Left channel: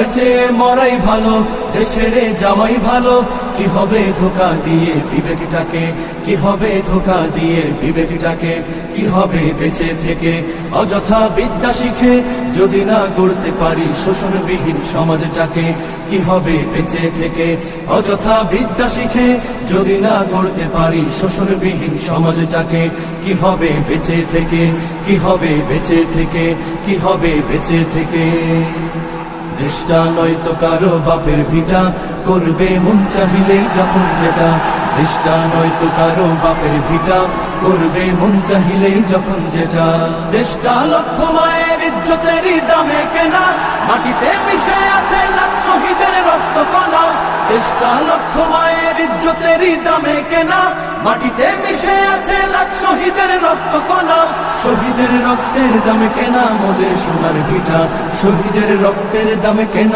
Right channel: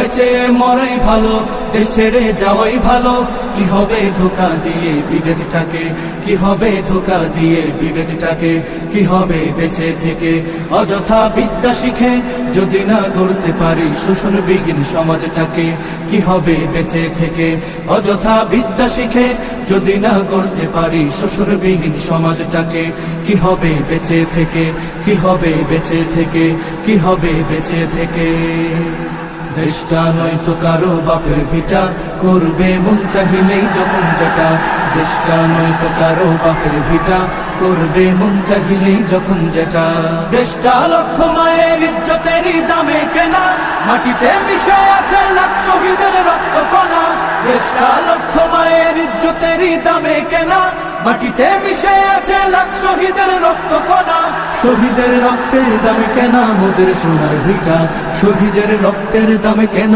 এর চেয়ে মরাই ভালো, দেশ ছেড়ে যাওয়াই ভালো। কি হবে ধোঁকা দিয়ে বিবেকটাকে, কি হবে ধোঁকা দিয়ে বিবেকটাকে, কি হবে বেঁচে থেকে অযথা বিদ্যা শিখে যদি না গড়তে পারি শোষণবিহীন সমাজটাকে। কি হবে বেঁচে থেকে অযথা বিদ্যা শিখে যদি না গড়তে পারি শোষণবিহীন সমাজটাকে। কি হবে বেঁচে থেকে, কি হবে বেঁচে থেকে, কি হবে বেঁচে থেকে। দেশটা নয়তো কারো বাপের ভিটা, করবে মন চাহিলেই যখন যেটা। দেশটা নয়তো কারো বাপের ভিটা, করবে মন চাহিলেই যখন যেটা। দেশটা লক্ষ মায়ের ইজ্জতেরই দামে কেনা, মাটিতে মিশে আছে লাখ শহীদের রক্ত কণা। দেশটা লক্ষ মায়ের ইজ্জতেরই দামে কেনা, মাটিতে মিশে আছে লাখ শহীদের রক্ত কণা। শহীদের রক্তের দামে কেনা মোদের সোনার ভিটা, শহীদের রক্তের দামে কেনা।